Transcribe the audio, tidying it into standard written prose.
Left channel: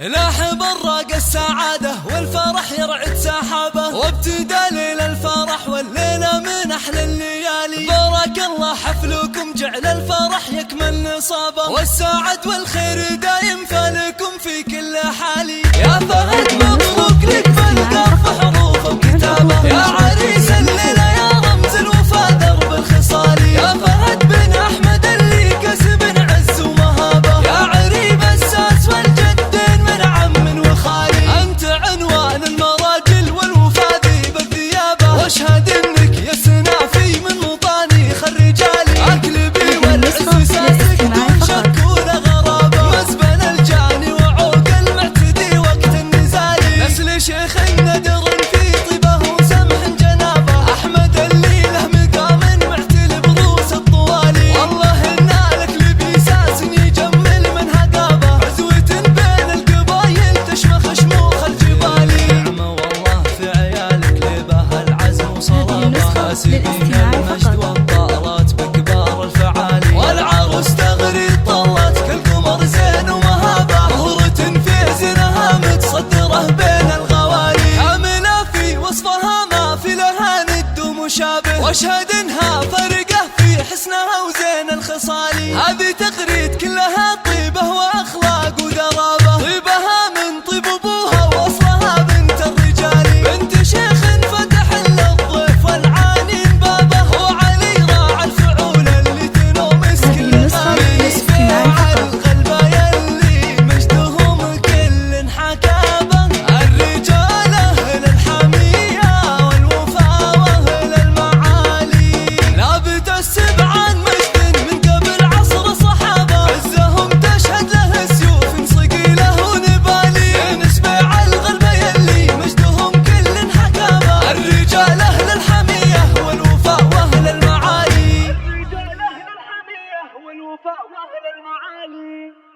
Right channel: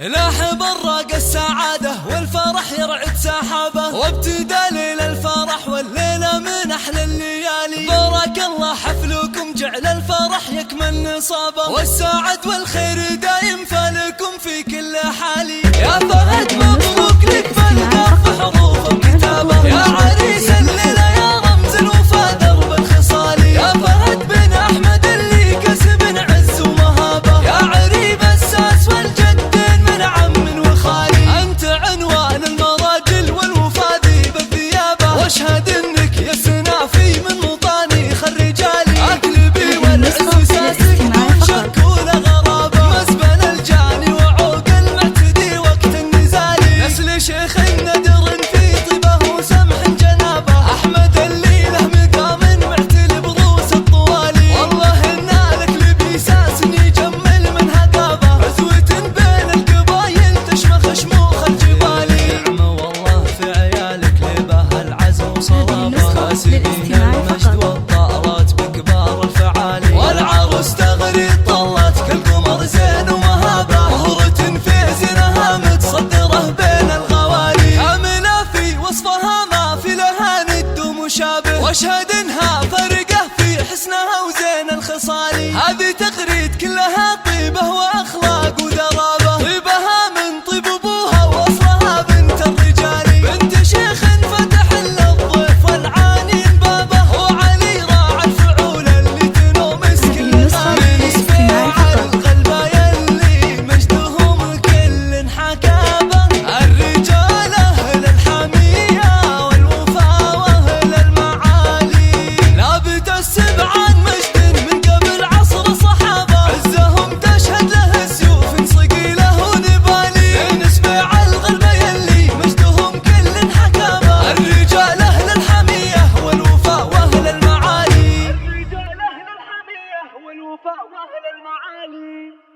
لاح براق السعادة والفرح يرعد سحابه، وابتدى ليل الفرح والليلة من أحلى الليالي. بارك الله حفلكم جعل الفرح يكمل نصابه، والسعد والخير دايم فالكم في كل حالي. يا فهد مبروك لك بالقف حروف وكتابه، يا عريس الليلة يا رمز الوفا درب الخصالي. يا فهد بن أحمد اللي كسب عز ومهابه، يا عريب الساس والجدين من عم وخالي. أنت عنوان المراجل والوفا ذيب الثيابة، واشهد انك يا سنافي من مطانيخ الرجالي. اكلبي والعز ساسك دون شك ولا غرابة، مزبن الجاني وعوق المعتدي وقت النزالي. نسل شيخ ندر في طيبه وسمح جنابه، احمد اللي له مقام معتل بروس الطوالي. والله ان الاكلبي ساس يجمل من هقابه، عزوة بين القبايل تشمخ شموخ الجبالي. نعمة والله في عيالك لبه العزم وصلابه، كاسبين المجد والطارات بكبار الفعالي. والعروس تغري طلت كالقمر زين ومهابه، مهرة في زينها متصدره بين الغوالي. كاملة في وصفها ما في لها ند مشابه، واشهد انها فرقه في حسنها وزين الخصالي. هذه تغريد كلها طيبه واخلاق ودرابه، طيبها من طيب ابوها واصلها بنت الرجالي. بنت شيخ فتح للضيف والعانين بابه، وعلي راعى الفعول اللي تنومس كل غالي. سبيع الغلبه يلي مجدهم كل حكابه، الرجال اهل الحميه والوفا واهل المعالي. لابت السبع عن مجد من قبل عصر صحابه، عزهم تشهد له سيوف صقيله ونبالي. نسبع الغلبه يلي مجدهم كل حكابه، الرجال اهل الحميه والوفاء واهل المعالي. الرجال اهل الحميه والوفاء واهل المعالي.